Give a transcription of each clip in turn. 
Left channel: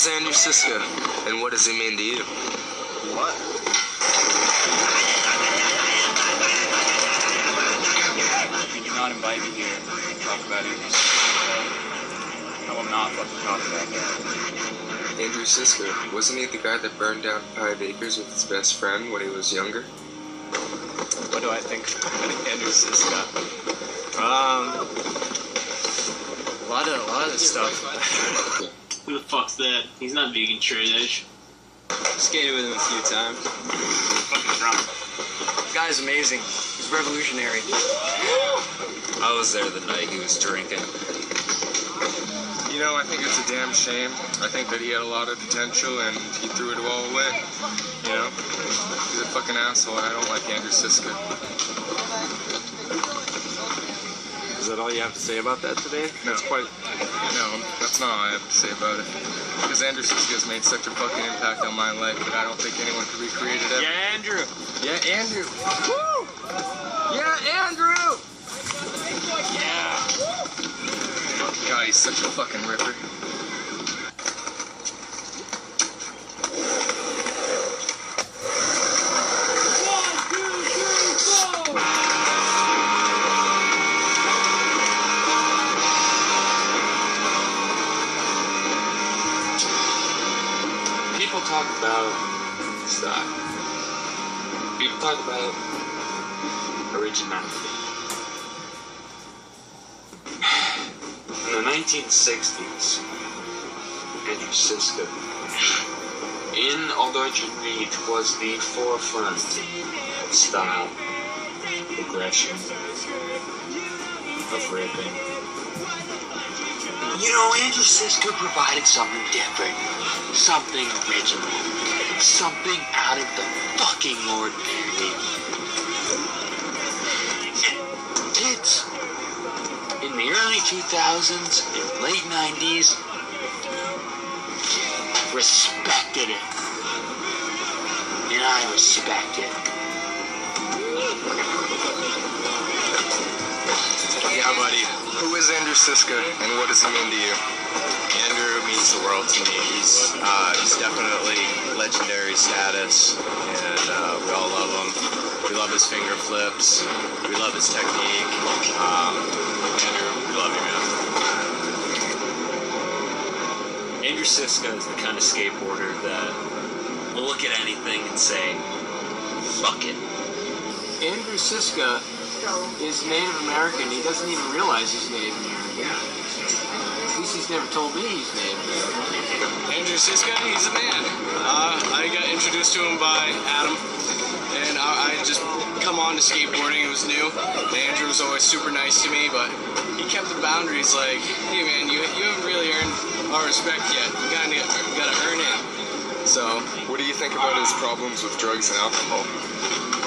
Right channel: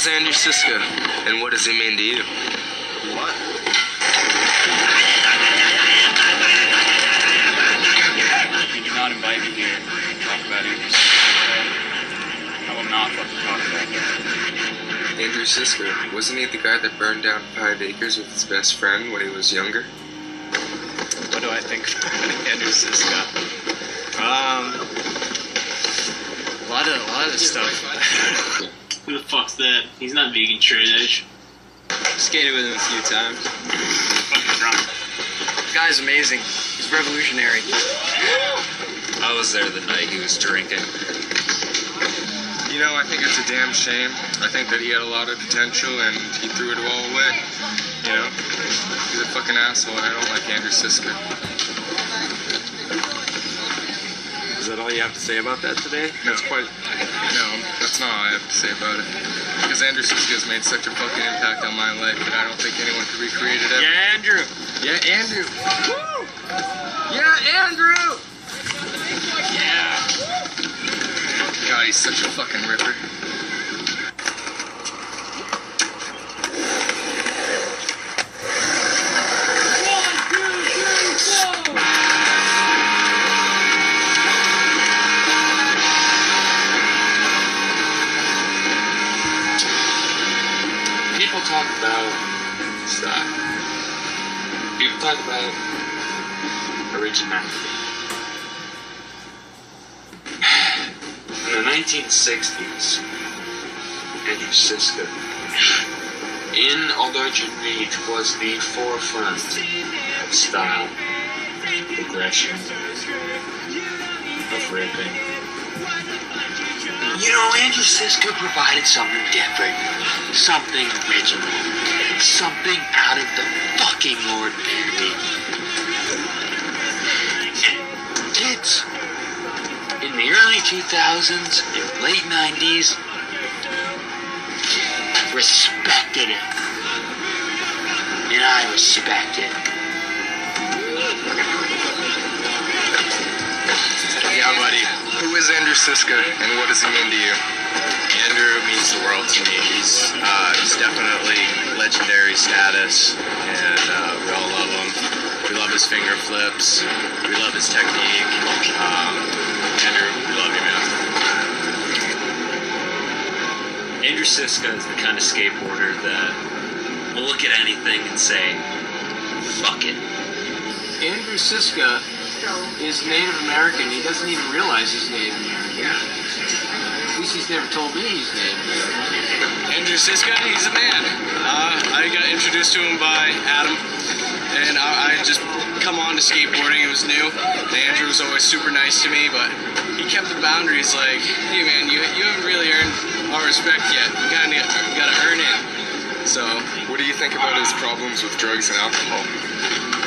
is Andrew Siska, and what does he mean to you? What? We do not invite you here to talk about Andrew Siska. I will not fucking talk about that. Andrew Siska, wasn't he the guy that burned down 5 acres with his best friend when he was younger? What do I think of Andrew Siska? A lot of stuff. Who the fuck's that? He's not vegan straight edge. Skated with him a few times. Fucking drunk. The guy's amazing. He's revolutionary. I was there the night he was drinking. You know, I think it's a damn shame. I think that he had a lot of potential and he threw it all away. You know? He's a fucking asshole and I don't like Andrew Siska. Is that all you have to say about that today? No, that's not all I have to say about it. Because Andrew Siska has made such a fucking impact on my life that I don't think anyone could recreate it ever. Yeah, Andrew. Yeah, Andrew. Woo! Yeah, Andrew! Yeah. God, he's such a fucking ripper. People talk about style. People talk about originality. In the 1960s, Andrew Siska, in Aldrich Reed, was the forefront of style, progression, of ripping. You know, Andrew Siska provided something different, something original, something out of the fucking ordinary. Kids in the early 2000s and late 90s respected it. And I respect it. Yeah, buddy. Who is Andrew Siska, and what does he mean to you? Andrew means the world to me. He's definitely legendary status, and we all love him. We love his finger flips. We love his technique. Andrew, we love you, man. Andrew Siska is the kind of skateboarder that will look at anything and say, fuck it. Andrew Siska is Native American. He doesn't even realize he's Native American. At least he's never told me he's Native American. Andrew Siska, he's a man. I got introduced to him by Adam, and I just come on to skateboarding. It was new. Andrew was always super nice to me, but he kept the boundaries like, hey man, you haven't really earned our respect yet. You gotta earn it. So, What do you think about his problems with drugs and alcohol?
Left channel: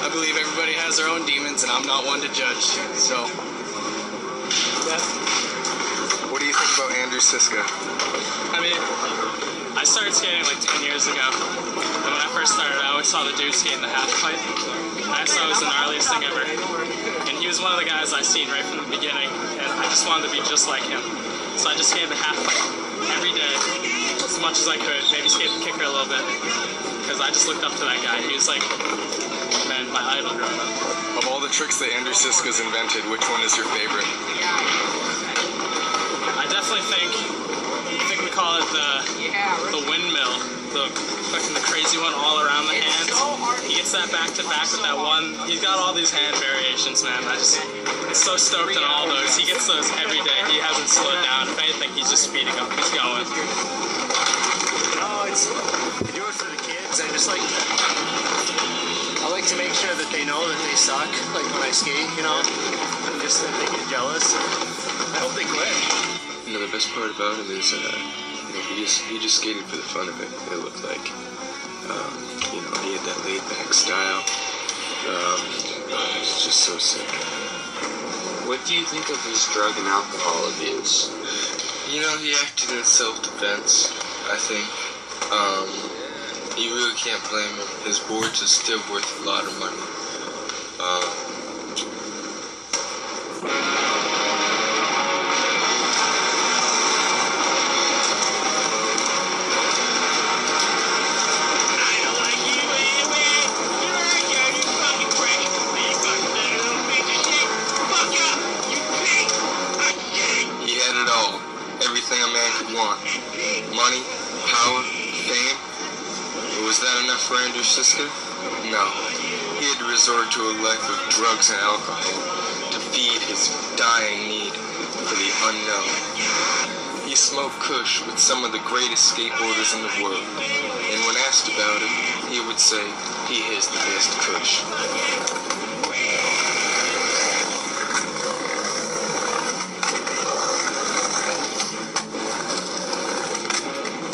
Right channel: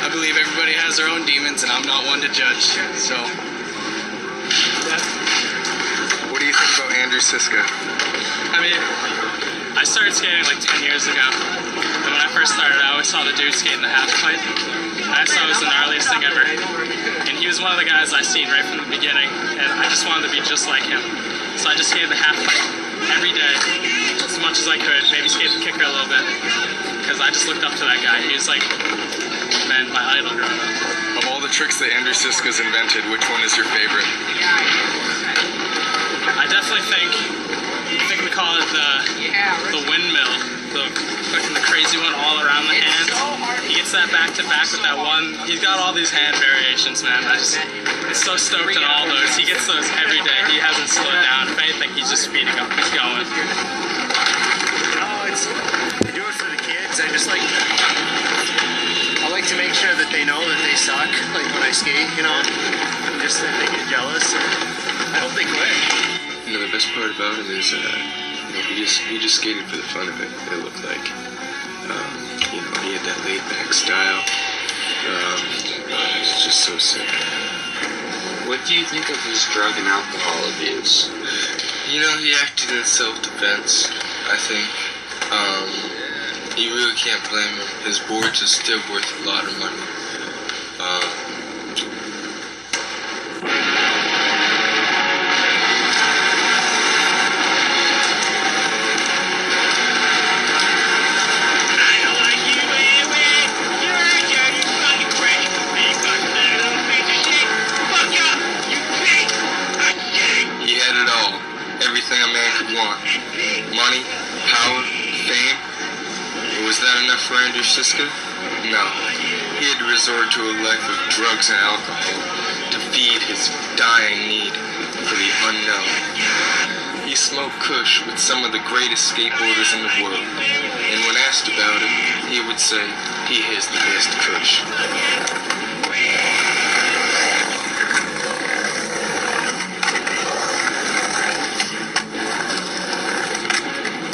I believe everybody has their own demons, and I'm not one to judge. So, yeah. What do you think about Andrew Siska? I mean, I started skating like 10 years ago. And when I first started, I always saw the dude skating the half pipe. And I just thought it was the gnarliest thing ever. And he was one of the guys I seen right from the beginning. And I just wanted to be just like him. So I just skated the half pipe every day, as much as I could. Maybe skate the kicker a little bit. Because I just looked up to that guy. He was like, man, my idol growing up. Of all the tricks that Andrew Siska's invented, which one is your favorite? I definitely think we call it the windmill, the fucking crazy one all around the hands. He gets that back to back with that one. He's got all these hand variations, man. I'm so stoked on all those. He gets those every day. He hasn't slowed down. If anything, he's just speeding up. He's going. Oh, I do it for the kids. I like to make sure that they know that they suck, like when I skate, you know, just that they get jealous. I hope they quit. You know, the best part about him is, he just skated for the fun of it. It looked like, he had that laid-back style. It's just so sick. What do you think of his drug and alcohol abuse? You know, he acted in self-defense, I think. You really can't blame him. His boards are still worth a lot of money. could want. Money, power, fame. But was that enough for Andrew Siska? No. He had to resort to a life of drugs and alcohol to feed his dying need for the unknown. He smoked kush with some of the greatest skateboarders in the world, and when asked about it, he would say he is the best kush.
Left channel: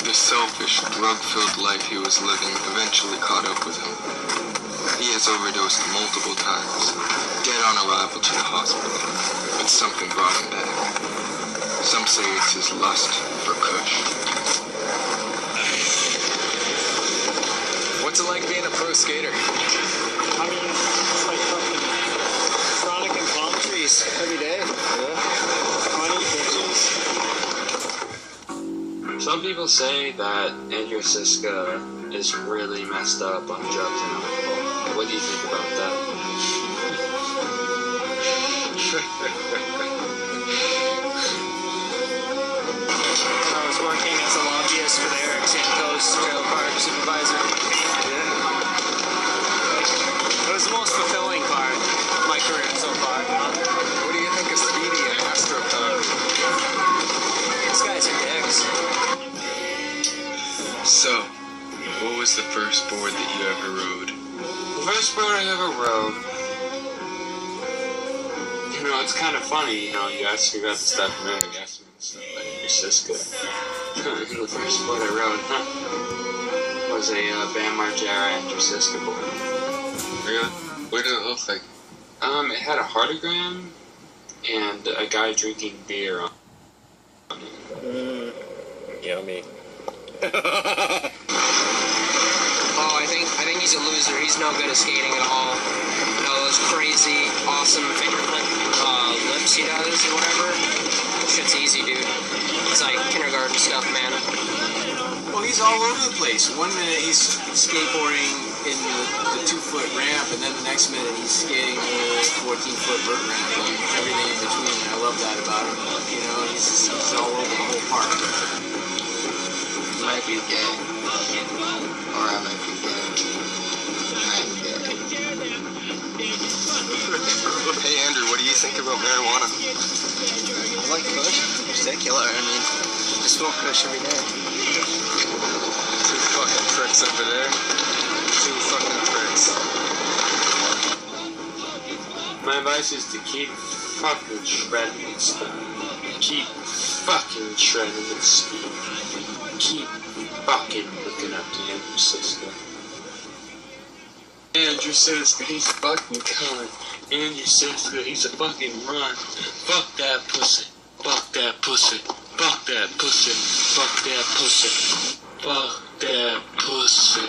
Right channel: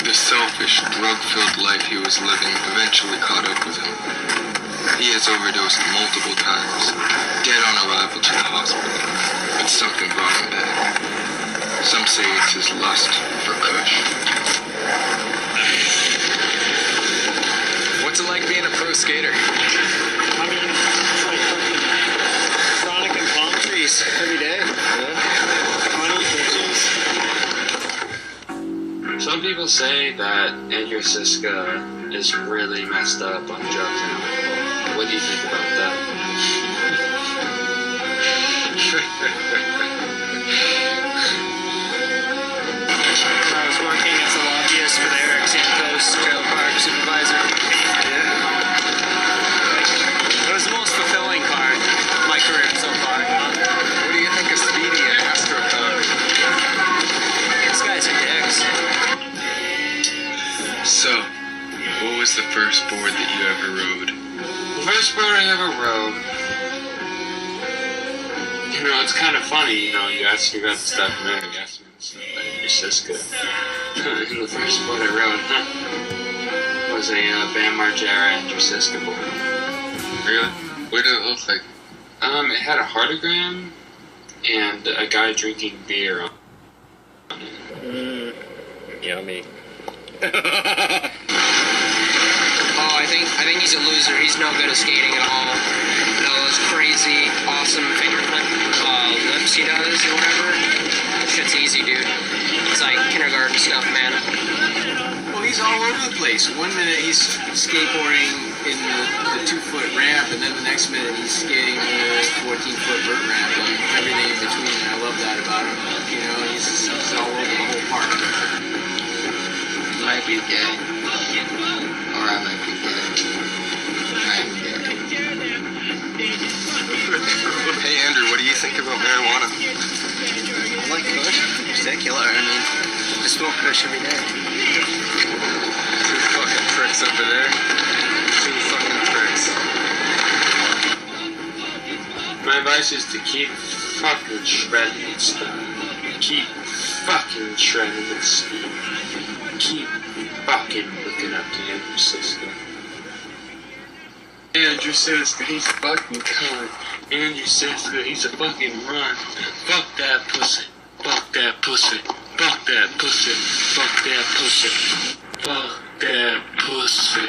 The selfish, drug-filled life he was living eventually caught up with him. He has overdosed multiple times, dead on arrival to the hospital, but something brought him back. Some say it's his lust for kush. What's it like being a pro skater? I mean, it's like fucking frolicking palm trees every day. Honey, bitches. Some people say that Andrew Siska is really messed up on drugs and alcohol. What do you think about that? I was working as a lobbyist for the Eric Santos Trail Park supervisor. It was the most fulfilling part of my career so far. What do you think of Speedy and AstroTurf? These guys are dicks. So, what was the first board that you ever rode? The first board I ever rode, you know, it's kind of funny, you know, you asked me about the stuff and then you asked me the stuff about Andrew Siska. And the first board I rode was a Bam Margera Andrew Siska board. Really? What did it look like? It had a heartogram and a guy drinking beer on it. Yummy. Oh, I think he's a loser. He's no good at skating at all. You know, those crazy, awesome finger flip lips he does or whatever. Shit's easy, dude. It's like kindergarten stuff, man. Well, he's all over the place. One minute he's skateboarding in the 2-foot ramp, and then the next minute he's skating the 14-foot vert ramp, and everything in between. And I love that about him. You know, he's all over the whole park. Might be gay. Or I might be gay. I'm gay. Hey Andrew, what do you think about marijuana? I like kush. Particular. I mean, I smoke kush every day. Two fucking pricks over there. Two fucking pricks. My advice is to keep fucking shredding and stuff. Keep fucking shredding and stuff. Keep fucking looking up to Andrew Siska. Andrew Siska, he's a fucking cunt. Andrew Siska, he's a fucking run. Fuck that pussy. Fuck that pussy. Fuck that pussy. Fuck that pussy. Fuck that pussy.